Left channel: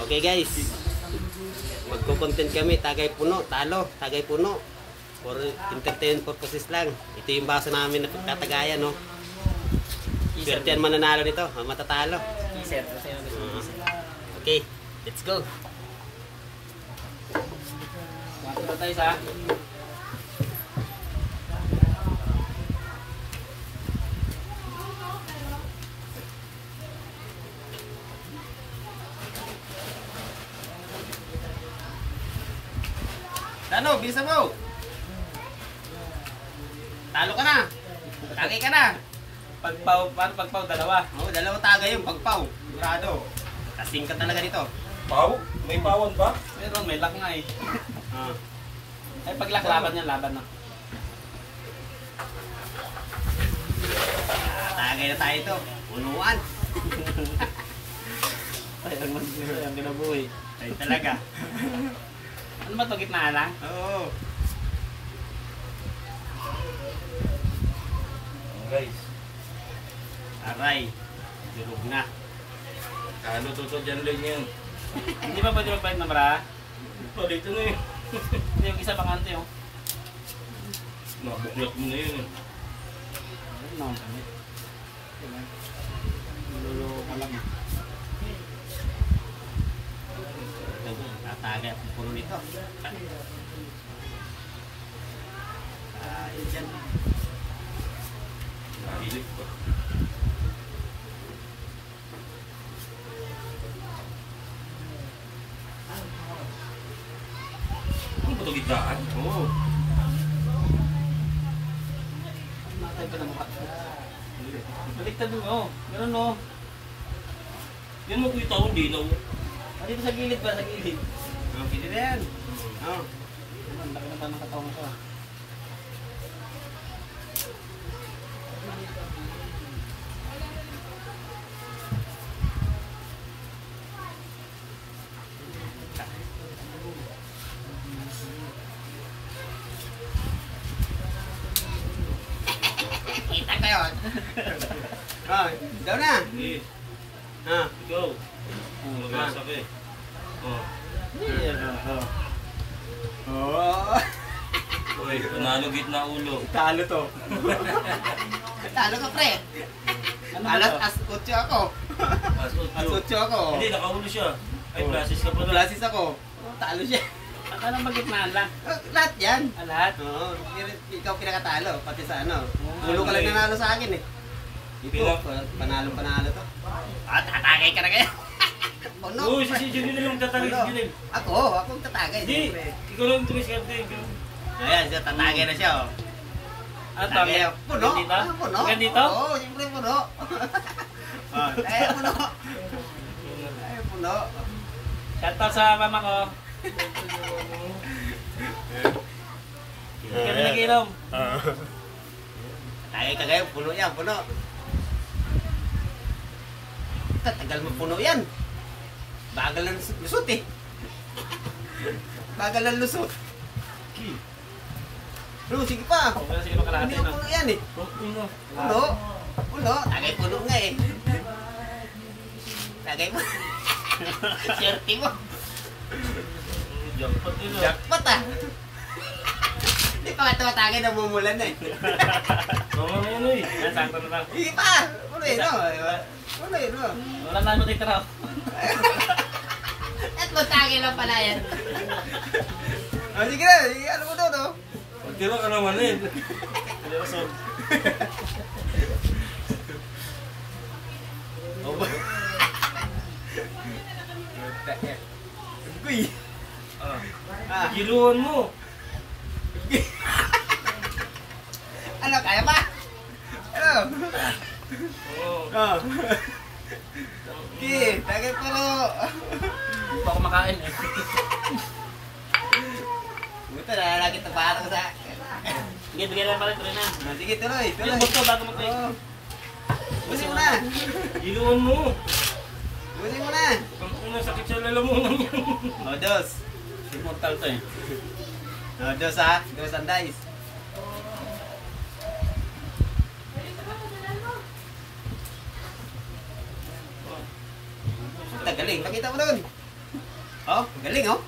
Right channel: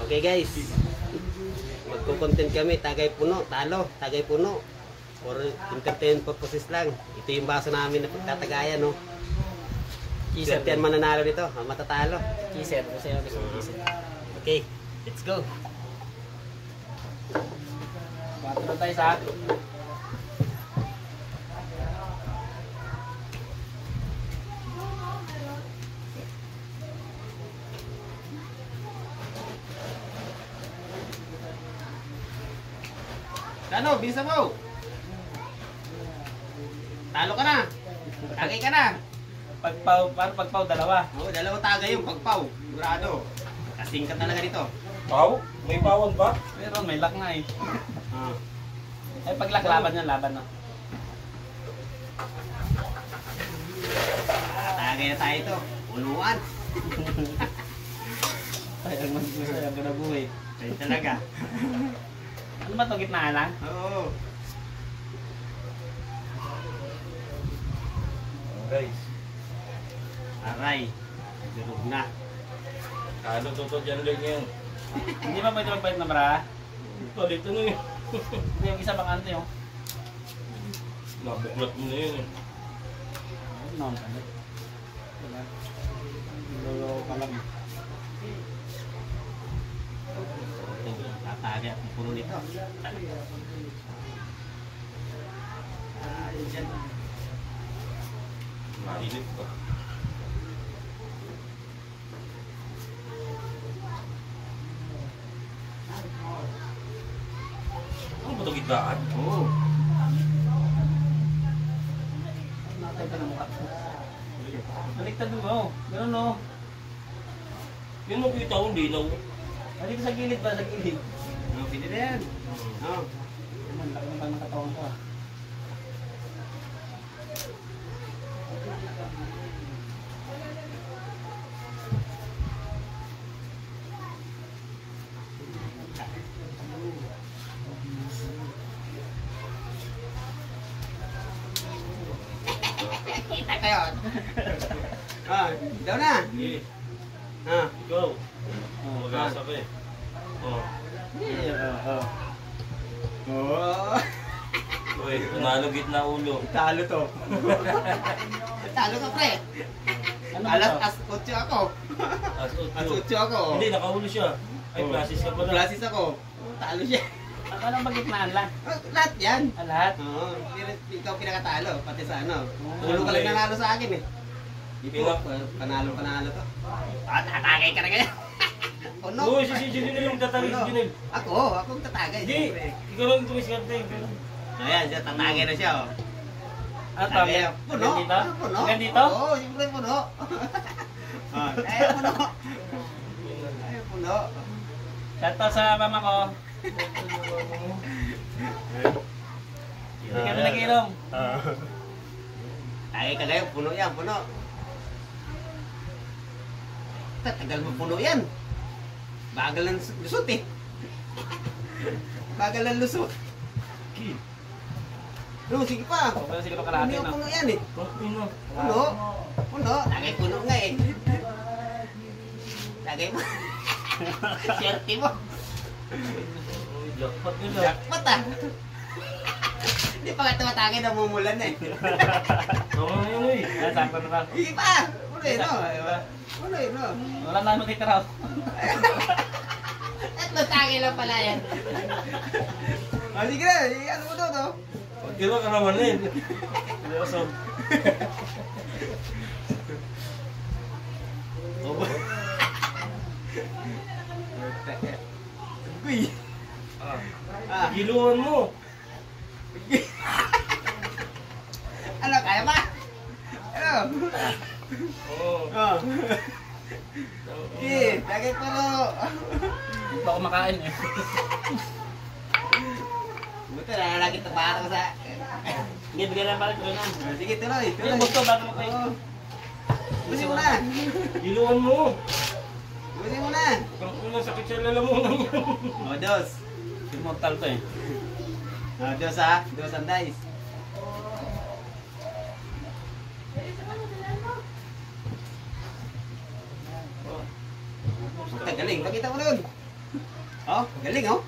Okay guys, magko-content kami, tagay puno, talo, tagay puno. For entertainment purposes lang. Ito yung baso namin na katagayan, no? Swerte yan mananalo nito, matatalo. Kiser, kasi yung gusto Okay, let's go. Matulog tayo sa Ano, bilisan mo. Talo ka na. Tagay ka na. pagpaw, paano pagpaw? Dalawa. Oo, dalawang tagay yung pagpaw. Sigurado. Kasing ka talaga dito. Paw? May pawan ba? Pero may lock nga eh. Ah. Ay pag-lock, laban yan, laban no. Tagay na tayo ito. Unuan. Sayang ka na buhay. Ay talaga. Ano ba ito, gitnaan lang? Oo. Guys, Aray. Durog na. ano to dyan lang yan? Hindi ba pwede magbayad na mara? Palit na eh. Hindi, yung isa bang ante oh. Nabuklat mo na yun eh. Ano ang ganit? Nilolo ka lang. Tatagay ang puno nito. Mahilig pa. Ano ba ito gitlaan? Oo. Natay ka na mukha. Baliktad mo. Ganun no. Yan mo kita akong dinaw. Ah, dito sa gilid ba? Sa gilid. Okay din yan. Oo. Ang laki naman ng katawan ko ah. Kita ko yun. Oh, daw na. Sige, Ah. ikaw. Mag-asa ka eh. Oh. Oo. Oh. Uy, panalo gitna ulo. Talo to. Talo ka, pre. Ano ba Alas to? as 8 ako. As As 8 ako. Hindi, nakahulo siya. Ay, plasis ka pala. Klasis ako. Oh, talo siya. Ano ba gitnaan lang? Oh, lahat yan. Ah, lahat? Oo. Ikaw pinakatalo. Pati sa ano. Oo, Ulo ka lang okay. nanalo sa akin eh. Bilang. Panalo to. At tatagay ka na ngayon. Oh, no. Uy, si Junil lang tatagay si Junil. Akong tatagay. Hindi, ikaw lang tumiskarte. Ayan, siya tatagay na siya oh. Ano to? Tagay. Puno. Ganito? Ano, puno. Ganito? Oo, siyempre puno. Ay, puno. Ay, puno. Shoutout sa mama ko. Hindi kami nag-inom. Tagay ka ngayon, puno yan, puno. Tagal mo puno yan. Bagal ng lusot eh. Bagal ng lusot. Puno, sige pa. Okay na siguro kalahati na. Puno yan eh. Puno. Puno. Puno. Tagay puno nga eh. Tagay mo. Swerte mo. Jackpot nila. Jackpot ah. Hindi pa nga tumatagay na mumulan na eh. Oo nga yun eh. Yan, sakto na lang. Hindi pa. Puno yun no. Diba? Puno yun no. Wala na matitira. At matagay lang pala yan. Oh, sige na. Ano mo doon oh. Pagtira ka naman eh. Seryoso. Uy. Ah, giluan mo. Ano, kaya pa? Ano? Oo. Oh. Okay, tagay puro. Hindi pa kumakain eh. Buto na lalaki ito parang sa... Sige, bigyan lang pala ito rin na. Oh, sige, tuloy. Yung gusto bago mo Oh. Buti mo na. Giluan mo. Buti mo na. Pang sakit sa lalamunan yan. Oh, Diyos. Immortal to eh. Oh, Diyos ha. Diyos and dice. Tagaling. Pakita mo doon. Oh, galing oh.